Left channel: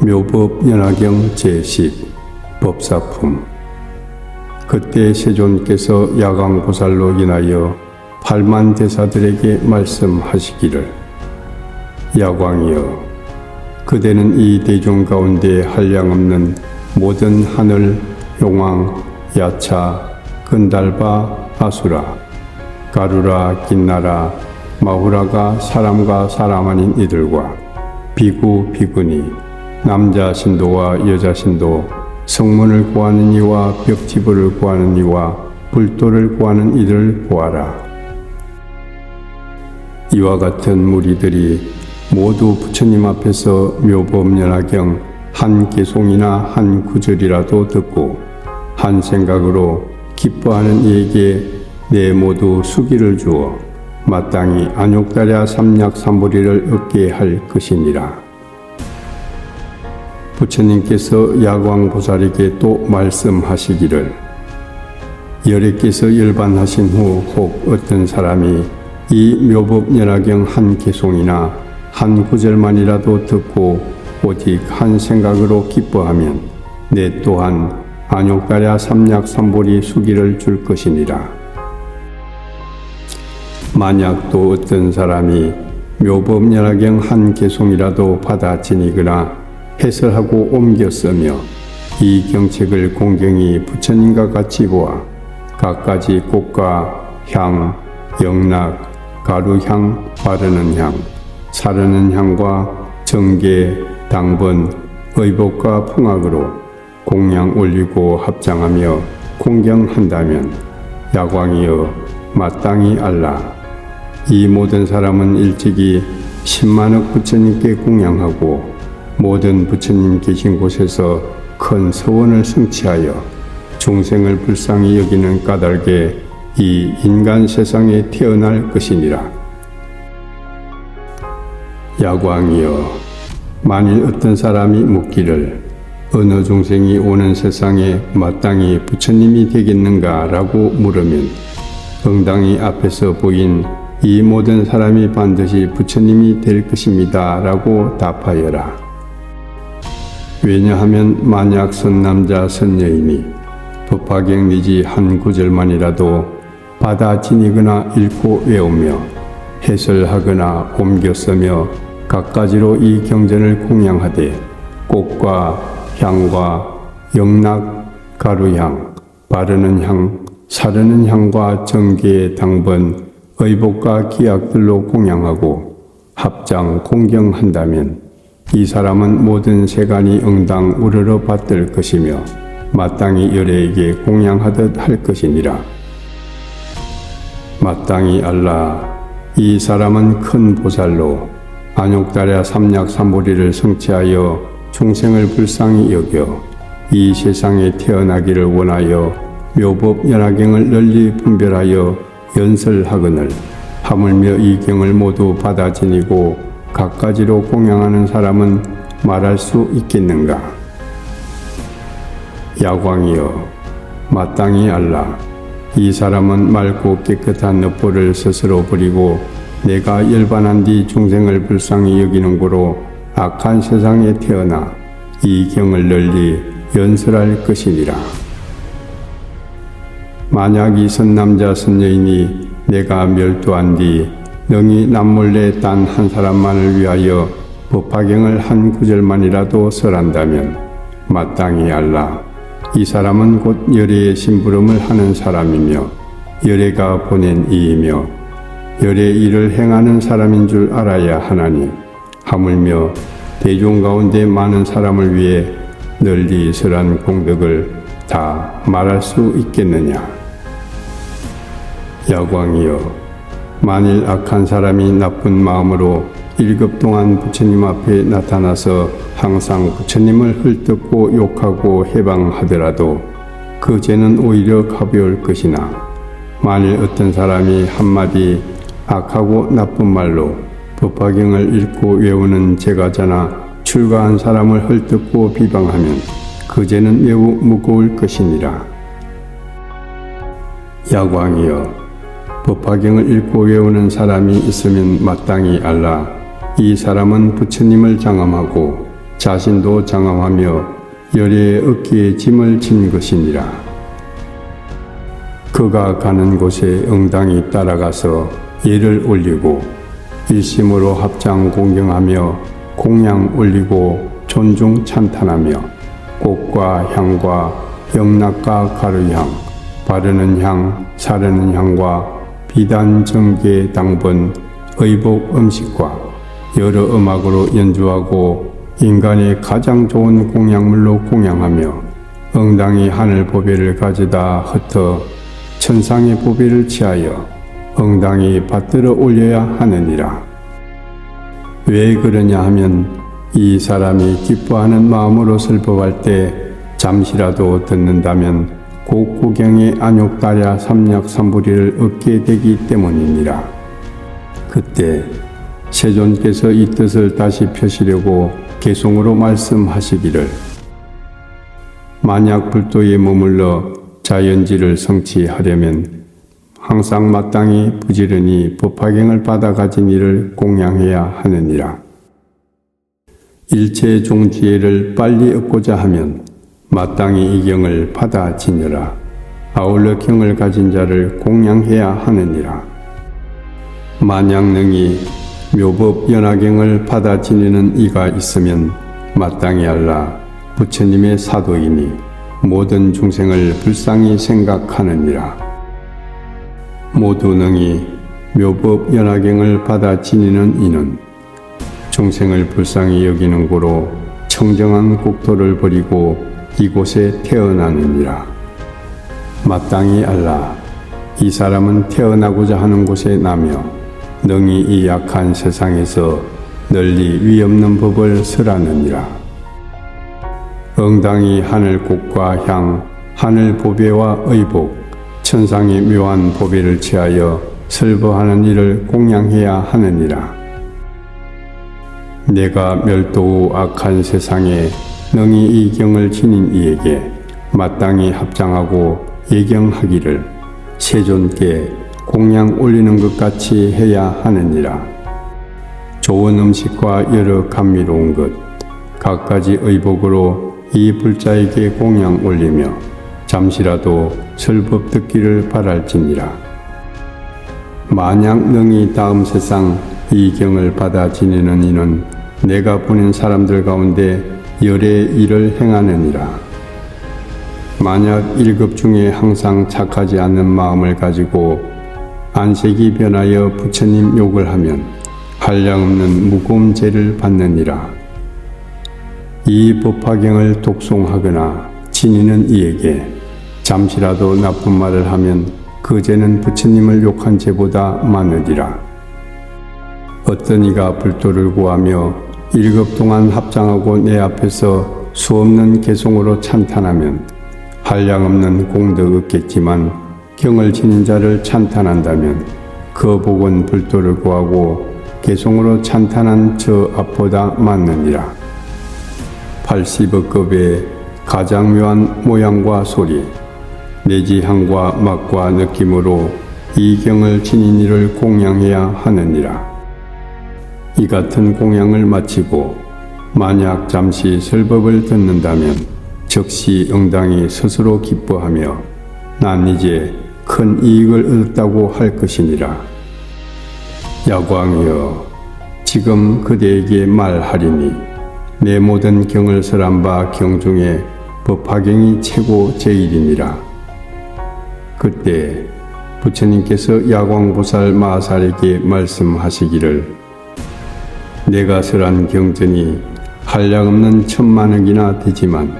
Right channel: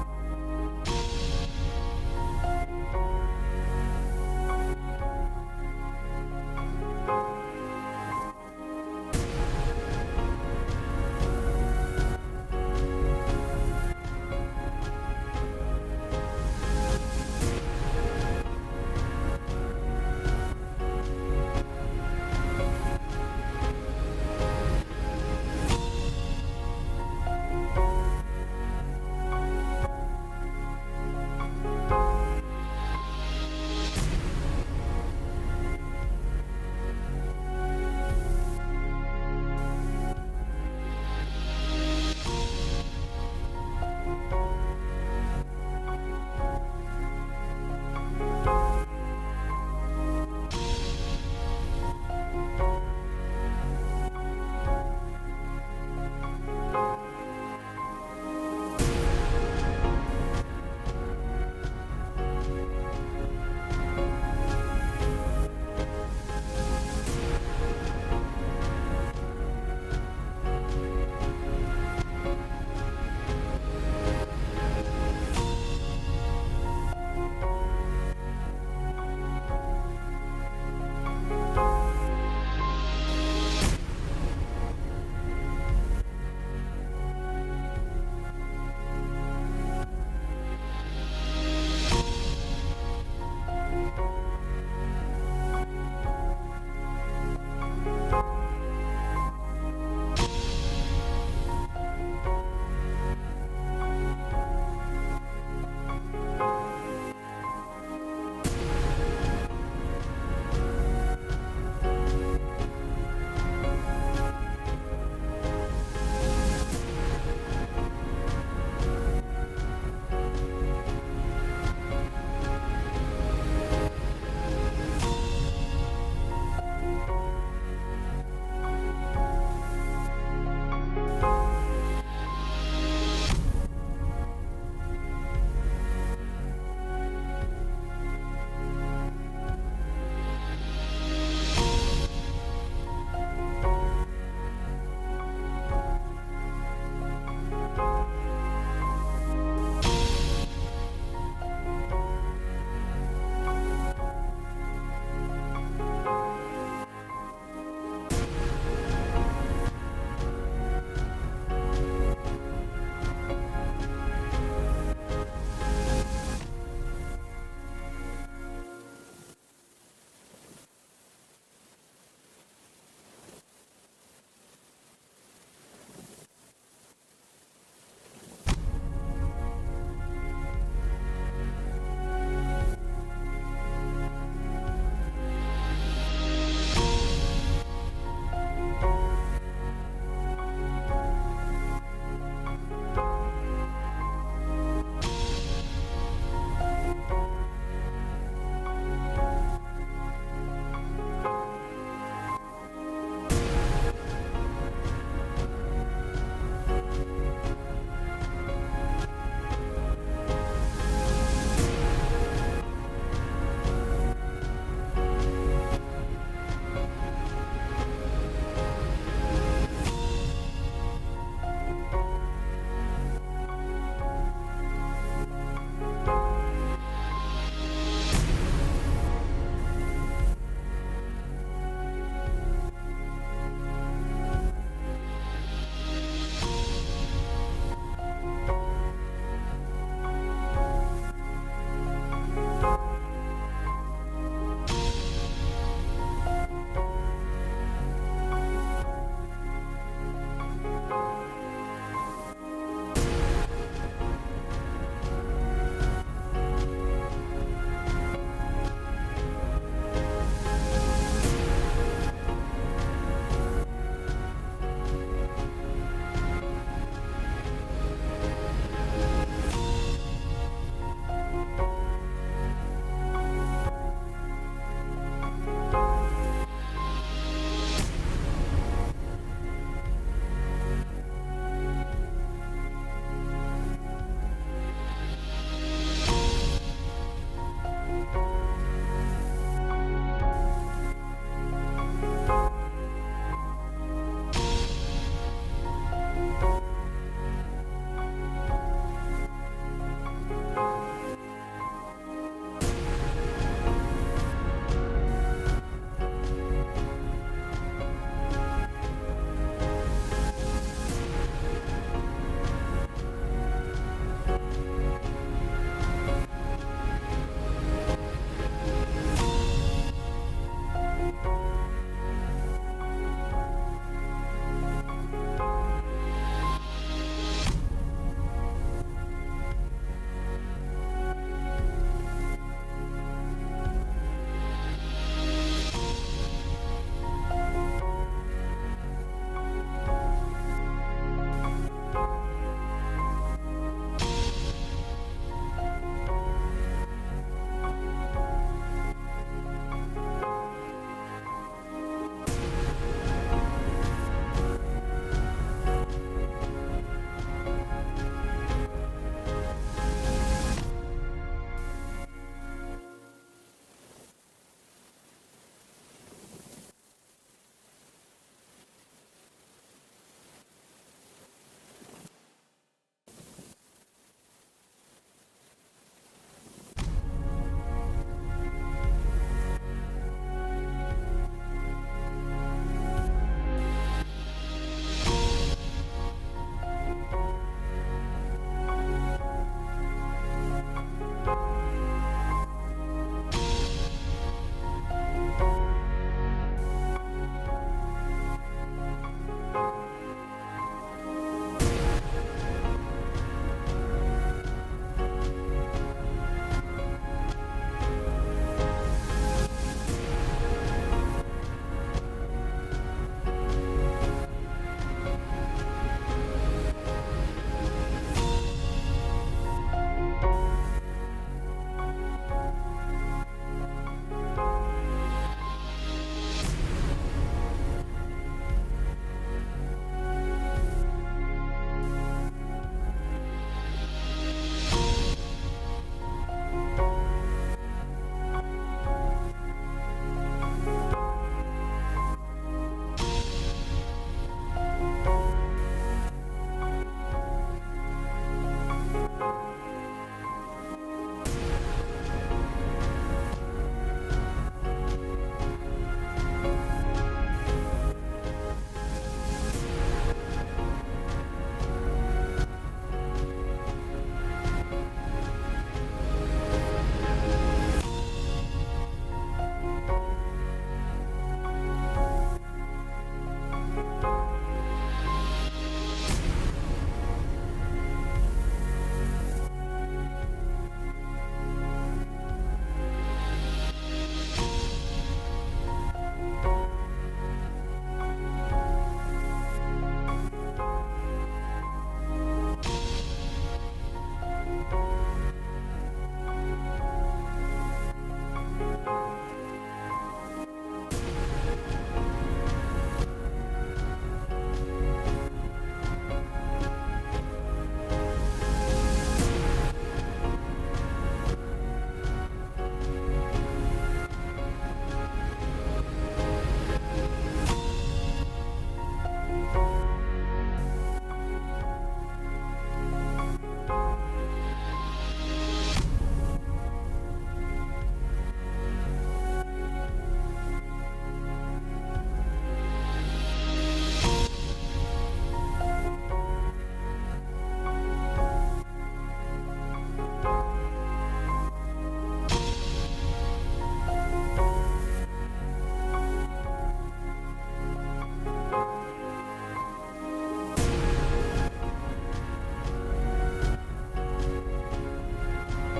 묘법 연화경 제10 법사품. 그때 세존께서 야광보살로 인하여 8만 대사들에게 말씀하시기를, 야광이여, 그대는 이 대중 가운데 한량없는 모든 하늘, 용왕, 야차, 근달바, 아수라, 가루라, 긴나라, 마후라가 사람과 사람 아닌 이들과 비구, 비구니, 남자 신도와 여자 신도, 성문을 구하는 이와 벽지부를 구하는 이와 불도를 구하는 이들을 보아라. 이와 같은 무리들이 모두 부처님 앞에서 묘법연화경 한 개송이나 한 구절이라도 듣고 한 생각으로 기뻐하는 이에게 내 모두 수기를 주어 마땅히 안욕달야 삼약삼보리를 얻게 할 것이니라. 부처님께서 야광보살에게 또 말씀하시기를, 열애께서 열반하신 후 혹 어떤 사람이 이 묘법연화경 한 개송이나 한 구절만이라도 듣고 오직 한 생각으로 기뻐하면 내 또한 안욕달야 삼약삼보리 수기를 줄 것이니라. 만약 또 어떤 사람이 묘법연화경 한 개송이라도 받아 지니거나 해설하고 옮겨 쓰며 이 경책을 공경히 부처님과 같이 보아 갖가지 꽃과 향, 영락, 가루향, 바르는 향, 사르는 향과 정계, 당번, 의복과 풍악으로 공양 올리고 합장하며 공경한다면, 야광이여, 마땅히 알라. 이 모든 사람은 일찍이 10만억 부처님께 공양하고 모든 부처님 계신 곳에서 큰 서원을 성취하여 중생을 불쌍히 여기는 까닭에 이 인간 세상에 태어날 것이니라. 야광이여, 만일 어떤 사람이 묻기를 어느 중생이 오는 세상에 마땅히 부처님이 되겠는가 라고 물으면 응당히 앞에서 보인 이 모든 사람이 반드시 부처님이 될 것입니다 라고 답하여라. 왜냐하면 만약 선남자 선여인이 법화경 내지 한 구절만이라도 받아 지니거나 읽고 외우며 해설하거나 옮겨 쓰며 갖가지로 이 경전을 공양하되 꽃과 향과 영락, 가루향, 바르는 향, 사르는 향과 정계, 당번, 의복과 기약들로 공양하고 합장 공경한다면 이 사람은 모든 세간이 응당 우러러 받들 것이며 마땅히 열애에게 공양하듯 할 것이니라. 마땅히 알라. 이 사람은 큰 보살로 안욕달야 삼약삼보리를 성취하여 중생을 불쌍히 여겨 이 세상에 태어나기를 원하여 묘법연화경을 널리 분별하여 연설하거늘 하물며 이 경을 모두 받아 지니고 갖가지로 공양하는 사람은 말할 수 있겠는가? 야광이여, 마땅히 알라. 이 사람은 맑고 깨끗한 늪보를 스스로 버리고 내가 열반한 뒤 중생을 불쌍히 여기는 고로 악한 세상에 태어나 이 경을 널리 연설할 것이니라. 만약 이 선남자 선여인이 내가 멸도한 뒤 능히 남몰래 단 한 사람만을 위하여 법화경을 한 구절만이라도 설한다면 마땅히 알라. 이 사람은 곧 열애의 심부름을 하는 사람이며 열애가 보낸 이이며 열애의 일을 행하는 사람인 줄 알아야 하나니, 하물며 대중 가운데 많은 사람을 위해 널리 설한 공덕을 다 말할 수 있겠느냐? 야광이여, 만일 악한 사람이 나쁜 마음으로 1급 동안 부처님 앞에 나타나서 항상 부처님을 헐뜯고 욕하고 해방하더라도 그 죄는 오히려 가벼울 것이나, 만일 어떤 사람이 한마디 악하고 나쁜 말로 법화경을 읽고 외우는 제가자나 출가한 사람을 헐뜯고 비방하면 그 죄는 매우 무거울 것이니라. 야광이여, 법화경을 읽고 외우는 사람이 있으면 마땅히 알라. 이 사람은 부처님을 장엄하고 자신도 장엄하며 열의 어깨에 짐을 진 것이니라. 그가 가는 곳에 응당이 따라가서 예를 올리고 일심으로 합장 공경하며 공양 올리고 존중 찬탄하며 꽃과 향과 영락과 가루향, 바르는 향, 사르는 향과 비단 정계 당번 의복 음식과 여러 음악으로 연주하고 인간의 가장 좋은 공양물로 공양하며 응당이 하늘 보배를 가져다 흩어 천상의 보배를 취하여 응당이 받들어 올려야 하느니라. 왜 그러냐 하면 이 사람이 기뻐하는 마음으로 슬퍼할 때 잠시라도 듣는다면 곡구경의 안욕다랴 삼약삼부리를 얻게 되기 때문이니라. 그때 세존께서 이 뜻을 다시 펴시려고 개송으로 말씀하시기를 만약 불도에 머물러 자연지를 성취하려면 항상 마땅히 부지런히 법화경을 받아 가진 이를 공양해야 하느니라. 일체 종지혜를 빨리 얻고자 하면 마땅히 이 경을 받아 지녀라. 아울러 경을 가진 자를 공양해야 하느니라. 만약 능히 묘법 연화경을 받아 지니는 이가 있으면 마땅히 알라. 부처님의 사도이니 모든 중생을 불쌍히 생각하느니라. 모두 능히 묘법 연화경을 받아 지니는 이는 중생을 불쌍히 여기는 고로 청정한 국토를 버리고 이곳에 태어나느니라. 마땅히 알라. 이 사람은 태어나고자 하는 곳에 나며 능히 이 약한 세상에서 널리 위없는 법을 설하느니라. 응당이 하늘꽃과 향, 하늘 보배와 의복, 천상의 묘한 보배를 취하여 설거하는 일을 공양해야 하느니라. 내가 멸도 후 악한 세상에 능히 이 경을 지닌 이에게 마땅히 합장하고 예경하기를 세존께 공양 올리는 것 같이 해야 하느니라. 좋은 음식과 여러 감미로운 것, 갖가지 의복으로 이 불자에게 공양 올리며 잠시라도 설법 듣기를 바랄지니라. 만약 능히 다음 세상 이 경을 받아 지니는 이는 내가 보낸 사람들 가운데 열의 일을 행하느니라. 만약 1급 중에 항상 착하지 않는 마음을 가지고 안색이 변하여 부처님 욕을 하면 한량없는 무거운 죄를 받느니라. 이 법화경을 독송하거나 지니는 이에게 잠시라도 나쁜 말을 하면 그 죄는 부처님을 욕한 죄보다 많으리라. 어떤 이가 불도를 구하며 1급 동안 합장하고 내 앞에서 수없는 개송으로 찬탄하면 한량없는 공덕 얻겠지만 경을 지닌 자를 찬탄한다면 그 복은 불도를 구하고 개송으로 찬탄한 저 앞보다 많느니라. 80억 급의 가장 묘한 모양과 소리, 내지 향과 맛과 느낌으로 이 경을 지닌 이를 공양해야 하느니라. 이 같은 공양을 마치고 만약 잠시 설법을 듣는다면 즉시 응당이 스스로 기뻐하며 난 이제 큰 이익을 얻었다고 할 것이니라. 야광이여, 지금 그대에게 말하리니 내 모든 경을 설한 바 경 중에 법화경이 최고 제일이니라. 그때 부처님께서 야광보살 마살에게 말씀하시기를 내가 설한 경전이 한량없는 1000만억이나 되지만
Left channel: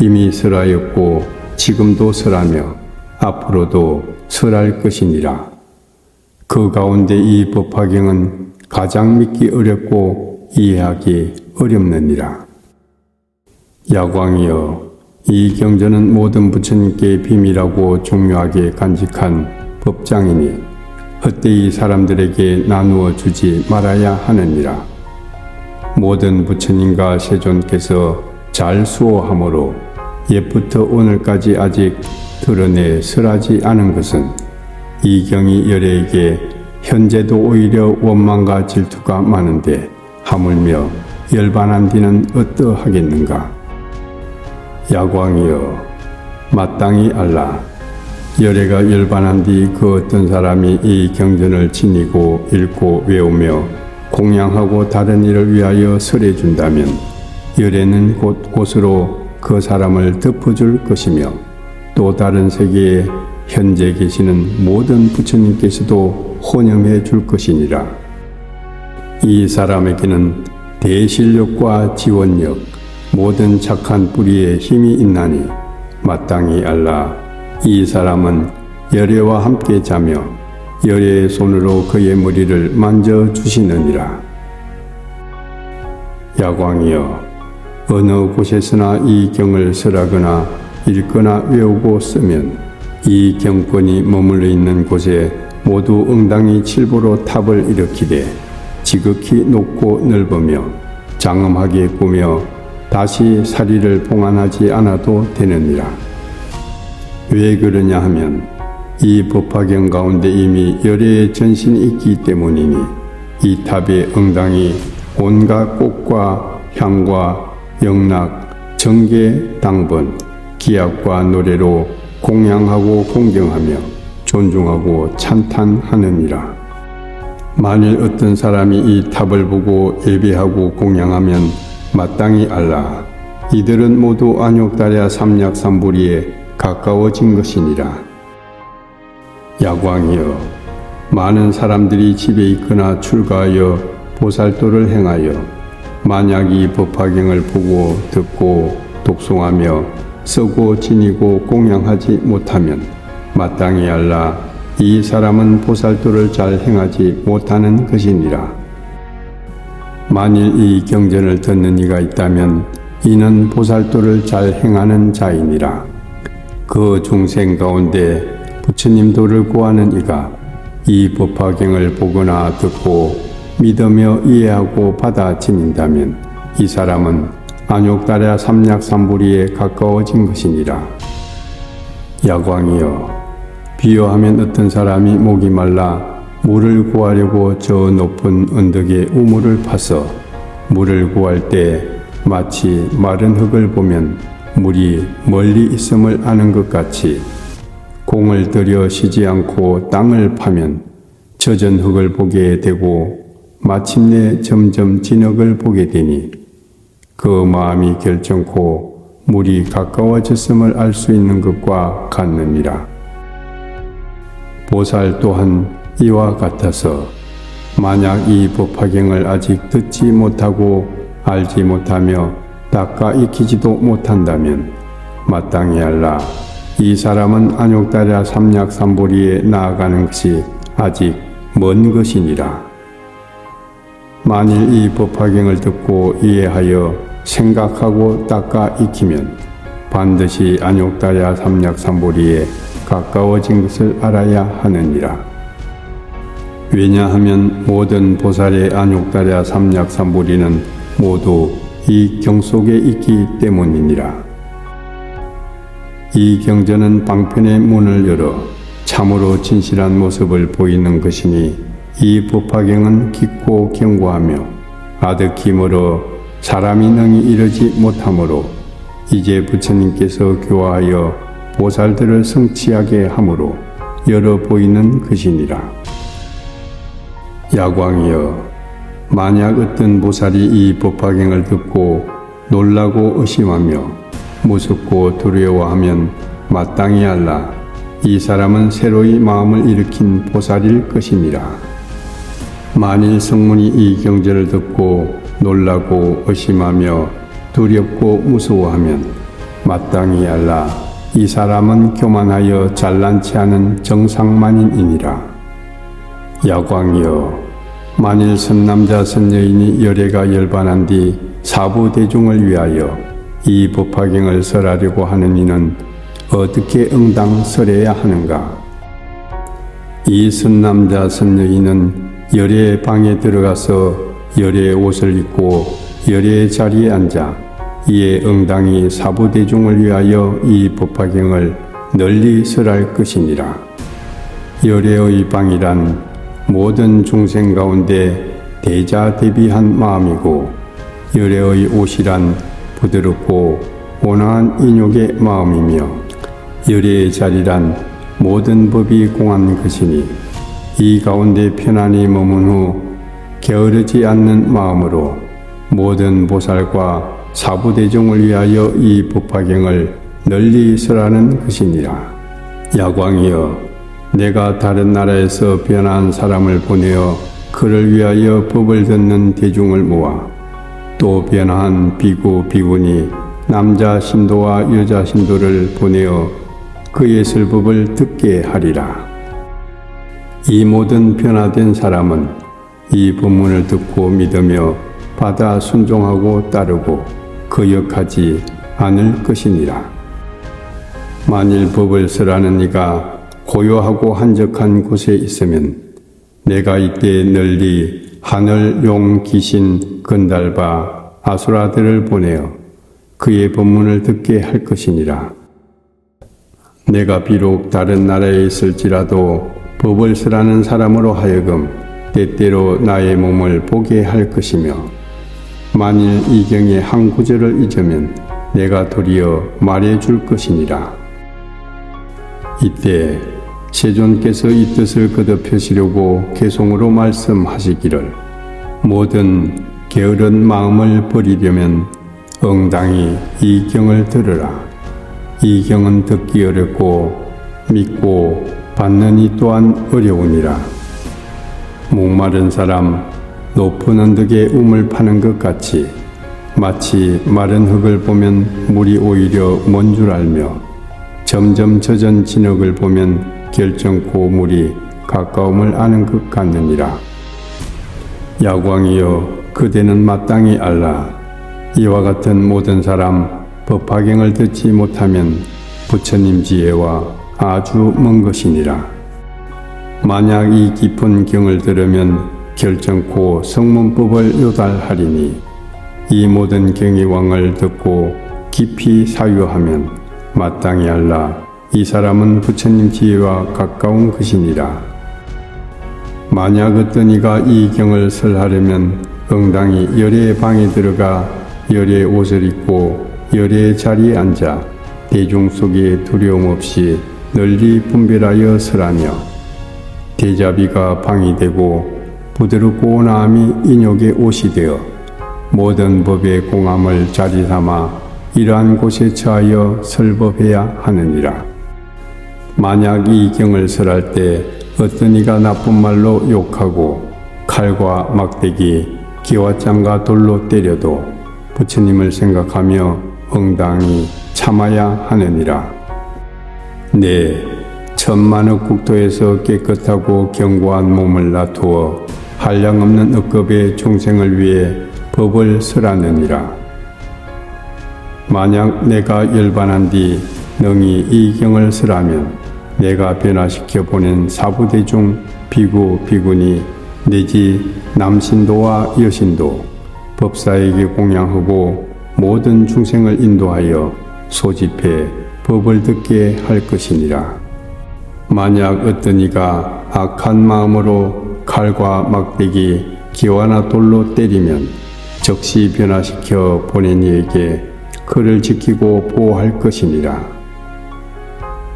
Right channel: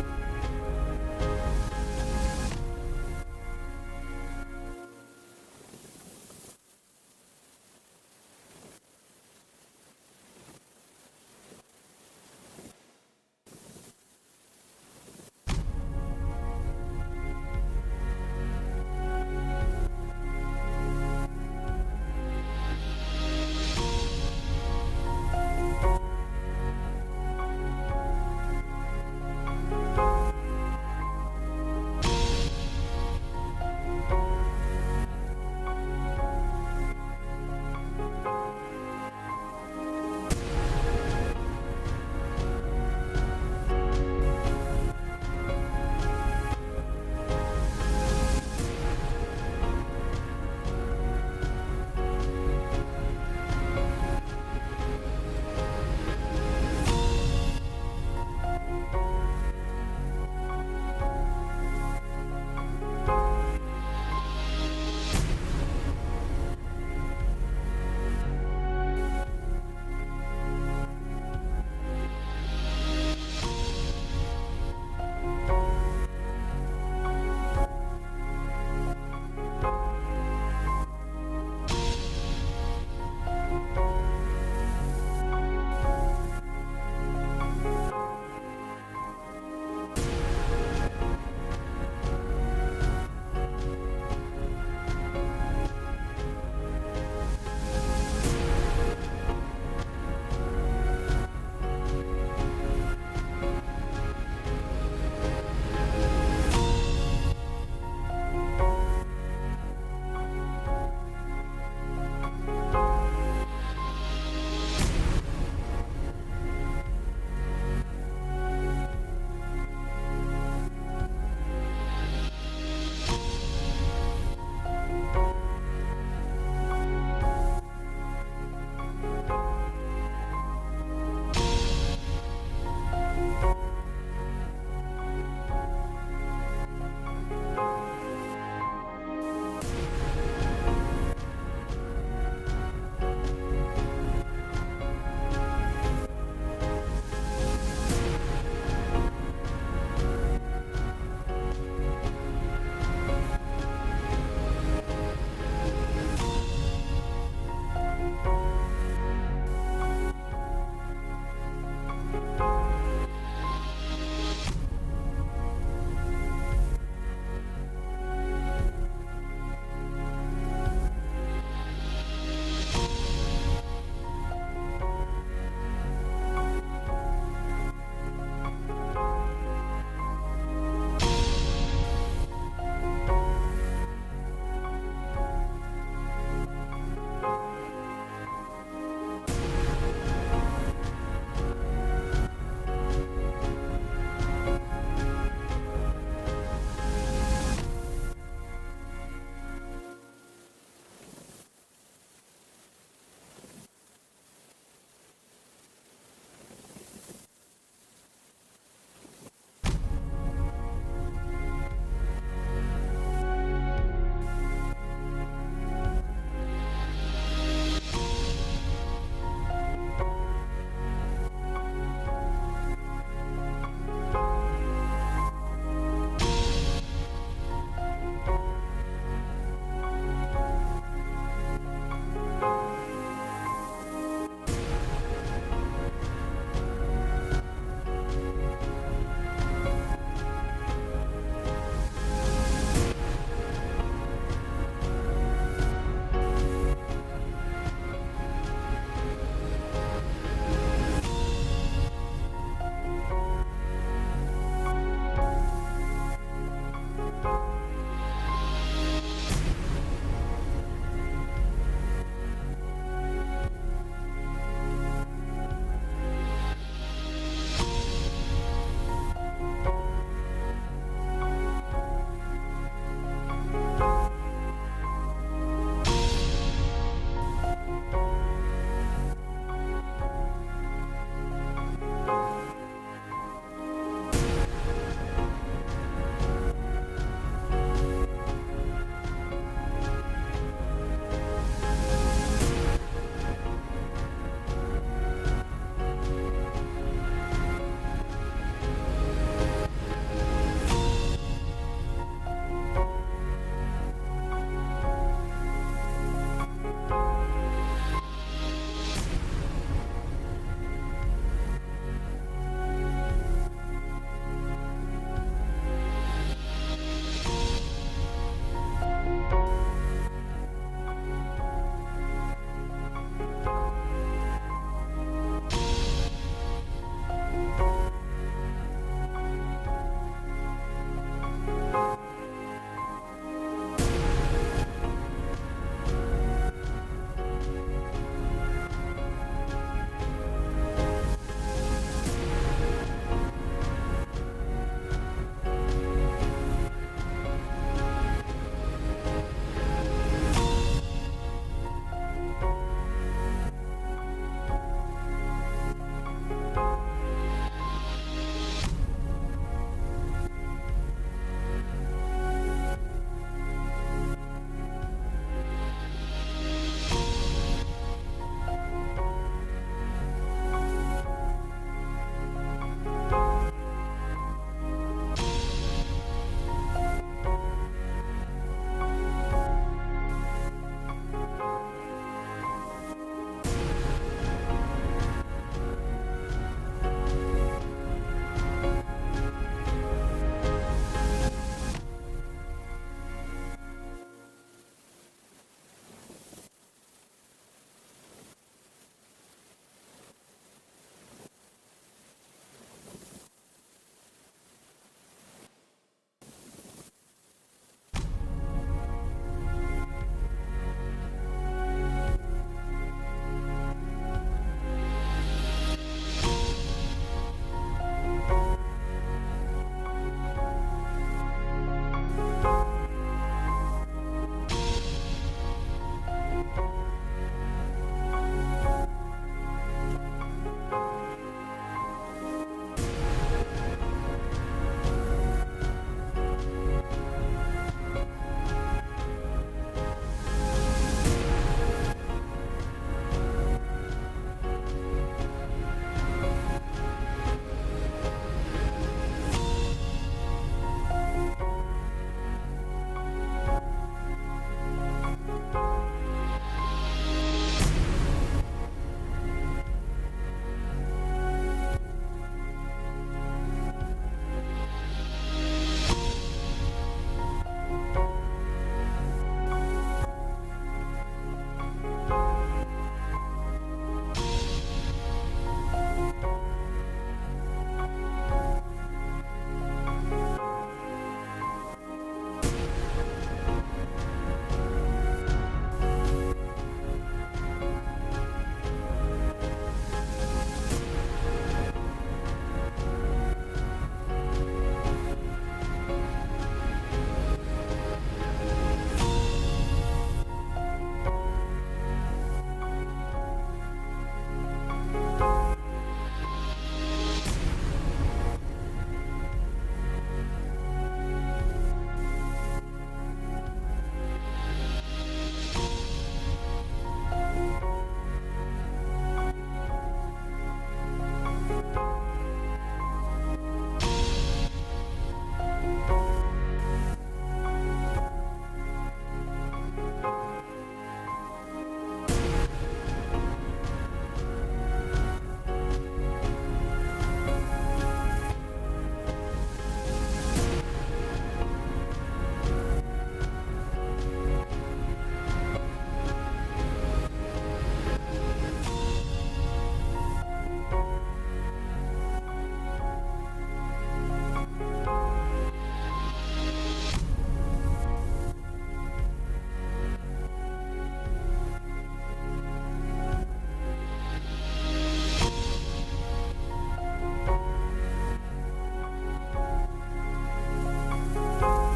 이미 설하였고 지금도 설하며 앞으로도 설할 것이니라. 그 가운데 이 법화경은 가장 믿기 어렵고 이해하기 어렵느니라. 야광이여, 이 경전은 모든 부처님께 비밀하고 중요하게 간직한 법장이니 헛되이 사람들에게 나누어 주지 말아야 하느니라. 모든 부처님과 세존께서 잘 수호함으로 옛부터 오늘까지 아직 드러내 설하지 않은 것은 이 경이 열애에게 현재도 오히려 원망과 질투가 많은데 하물며 열반한 뒤는 어떠하겠는가? 야광이여, 마땅히 알라. 열애가 열반한 뒤 그 어떤 사람이 이 경전을 지니고 읽고 외우며 공양하고 다른 일을 위하여 설해준다면 열애는 곳곳으로 그 사람을 덮어줄 것이며 또 다른 세계에 현재 계시는 모든 부처님께서도 혼영해 줄 것이니라. 이 사람에게는 대실력과 지원력, 모든 착한 뿌리에 힘이 있나니 마땅히 알라. 이 사람은 열애와 함께 자며 열애의 손으로 그의 머리를 만져주시느니라. 야광이여, 어느 곳에서나 이 경을 설하거나 읽거나 외우고 쓰면 이 경권이 머물러 있는 곳에 모두 응당이 칠보로 탑을 일으키되 지극히 높고 넓으며 장엄하게 꾸며 다시 사리를 봉안하지 않아도 되느니라. 왜 그러냐 하면 이 법화경 가운데 이미 열애의 전신이 있기 때문이니 이 탑의 응당이 온갖 꽃과 향과 영락, 정계, 당번, 기약과 노래로 공양하고 공경하며 존중하고 찬탄하느니라. 만일 어떤 사람이 이 탑을 보고 예배하고 공양하면 마땅히 알라. 이들은 모두 안욕다랴 삼약삼부리에 가까워진 것이니라. 야광이여, 많은 사람들이 집에 있거나 출가하여 보살도를 행하여 만약 이 법화경을 보고 듣고 독송하며 쓰고 지니고 공양하지 못하면 마땅히 알라. 이 사람은 보살도를 잘 행하지 못하는 것이니라. 만일 이 경전을 듣는 이가 있다면 이는 보살도를 잘 행하는 자이니라. 그 중생 가운데 부처님 도를 구하는 이가 이 법화경을 보거나 듣고 믿으며 이해하고 받아 지닌다면 이 사람은 안욕다랴 삼약삼부리에 가까워진 것이니라. 야광이여, 비유하면 어떤 사람이 목이 말라 물을 구하려고 저 높은 언덕에 우물을 파서 물을 구할 때 마치 마른 흙을 보면 물이 멀리 있음을 아는 것 같이 공을 들여 쉬지 않고 땅을 파면 젖은 흙을 보게 되고 마침내 점점 진흙을 보게 되니 그 마음이 결정코 물이 가까워졌음을 알 수 있는 것과 같느니라. 보살 또한 이와 같아서 만약 이 법화경을 아직 듣지 못하고 알지 못하며 닦아 익히지도 못한다면 마땅히 알라. 이 사람은 안욕다랴 삼약삼부리에 나아가는 것이 아직 먼 것이니라. 만일 이 법화경을 듣고 이해하여 생각하고 닦아 익히면 반드시 안욕다랴 삼약삼부리에 가까워진 것을 알아야 하느니라. 왜냐하면 모든 보살의 안욕다랴 삼약삼부리는 모두 이 경 속에 있기 때문이니라. 이 경전은 방편의 문을 열어 참으로 진실한 모습을 보이는 것이니 이 법화경은 깊고 견고하며 아득히 멀어 사람이 능히 이르지 못하므로 이제 부처님께서 교화하여 보살들을 성취하게 하므로 열어 보이는 것이니라. 야광이여, 만약 어떤 보살이 이 법화경을 듣고 놀라고 의심하며 무섭고 두려워하면 마땅히 알라. 이 사람은 새로이 마음을 일으킨 보살일 것이니라. 만일 성문이 이 경전을 듣고 놀라고 의심하며 두렵고 무서워하면 마땅히 알라. 이 사람은 교만하여 잘난치 않은 정상만인이니라. 야광이여, 만일 선남자 선여인이 열애가 열반한 뒤 사부 대중을 위하여 이 법화경을 설하려고 하는 이는 어떻게 응당 설해야 하는가? 이 선남자 선여인은 열애의 방에 들어가서 열애의 옷을 입고 열애의 자리에 앉아 이에 응당이 사부 대중을 위하여 이 법화경을 널리 설할 것이니라. 열애의 방이란 모든 중생 가운데 대자대비한 마음이고 열애의 옷이란 부드럽고 온화한 인욕의 마음이며 열애의 자리란 모든 법이 공한 것이니 이 가운데 편안히 머문 후 게으르지 않는 마음으로 모든 보살과 사부대중을 위하여 이 법화경을 널리 설하는 것이니라. 야광이여, 내가 다른 나라에서 변한 사람을 보내어 그를 위하여 법을 듣는 대중을 모아 또 변한 비구 비구니 남자 신도와 여자 신도를 보내어 그의 설법을 듣게 하리라. 이 모든 변화된 사람은 이 법문을 듣고 믿으며 받아 순종하고 따르고 거역하지 않을 것이니라. 만일 법을 설하는 이가 고요하고 한적한 곳에 있으면 내가 이때 널리 하늘, 용, 귀신, 건달바, 아수라들을 보내어 그의 법문을 듣게 할 것이니라. 내가 비록 다른 나라에 있을지라도 법을 설하는 사람으로 하여금 때때로 나의 몸을 보게 할 것이며 만일 이 경의 한 구절을 잊으면 내가 도리어 말해줄 것이니라. 이때 세존께서 이 뜻을 거듭하시려고 개송으로 말씀하시기를 모든 게으른 마음을 버리려면 응당히 이 경을 들으라. 이 경은 듣기 어렵고 믿고 받는 이 또한 어려우니라. 목마른 사람 높은 언덕에 우물 파는 것 같이 마치 마른 흙을 보면 물이 오히려 먼 줄 알며 점점 젖은 진흙을 보면 결정코 물이 가까움을 아는 것 같느니라. 야광이여, 그대는 마땅히 알라. 이와 같은 모든 사람 법화경을 듣지 못하면 부처님 지혜와 아주 먼 것이니라. 만약 이 깊은 경을 들으면 결정코 성문법을 요달하리니 이 모든 경의왕을 듣고 깊이 사유하면 마땅히 알라. 이 사람은 부처님 지혜와 가까운 것이니라. 만약 어떤 이가 이 경을 설하려면 응당히 열애의 방에 들어가 열애의 옷을 입고 열애의 자리에 앉아 대중 속에 두려움 없이 널리 분별하여 설하며 대자비가 방이 되고 부드럽고 온화함이 인욕의 옷이 되어 모든 법의 공함을 자리 삼아 이러한 곳에 처하여 설법해야 하느니라. 만약 이 경을 설할 때 어떤 이가 나쁜 말로 욕하고 칼과 막대기, 기와장과 돌로 때려도 부처님을 생각하며 응당히 참아야 하느니라. 네, 천만억 국토에서 깨끗하고 견고한 몸을 놔두어 한량없는 억겁의 종생을 위해 법을 설하느니라. 만약 내가 열반한 뒤 능히 이 경을 설하면 내가 변화시켜 보낸 사부대중 비구 비구니 내지 남신도와 여신도 법사에게 공양하고 모든 중생을 인도하여 소집해 법을 듣게 할 것이니라. 만약 어떤 이가 악한 마음으로 칼과 막대기, 기와나 돌로 때리면 즉시 변화시켜 보낸 이에게 그를 지키고 보호할 것이니라.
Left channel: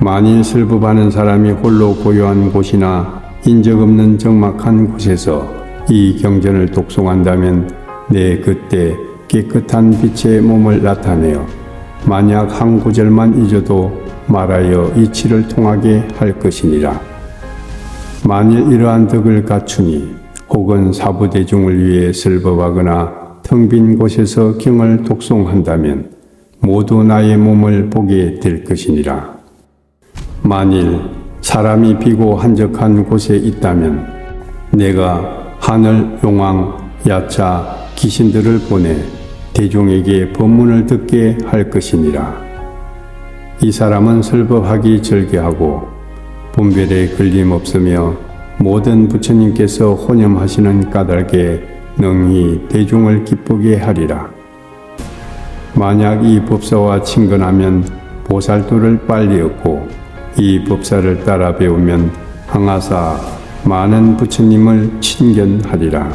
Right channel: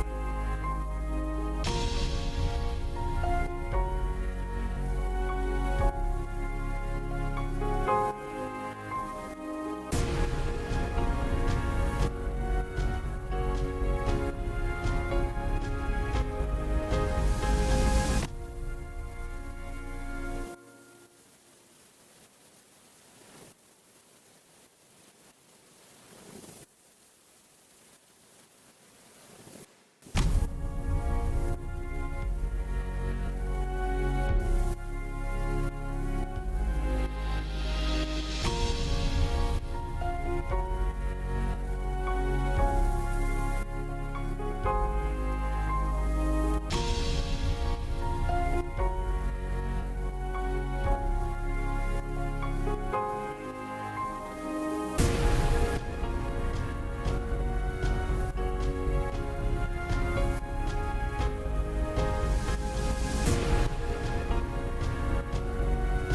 만일 설법하는 사람이 홀로 고요한 곳이나 인적 없는 적막한 곳에서 이 경전을 독송한다면 내 그때 깨끗한 빛의 몸을 나타내어 만약 한 구절만 잊어도 말하여 이치를 통하게 할 것이니라. 만일 이러한 덕을 갖추니 혹은 사부대중을 위해 설법하거나 텅 빈 곳에서 경을 독송한다면 모두 나의 몸을 보게 될 것이니라. 만일 사람이 비고 한적한 곳에 있다면 내가 하늘, 용왕, 야차, 귀신들을 보내 대중에게 법문을 듣게 할 것이니라. 이 사람은 설법하기 절개하고 분별에 걸림없으며 모든 부처님께서 혼염하시는 까닭에 능히 대중을 기쁘게 하리라. 만약 이 법사와 친근하면 보살도를 빨리 얻고 이 법사를 따라 배우면 항아사 많은 부처님을 친견하리라.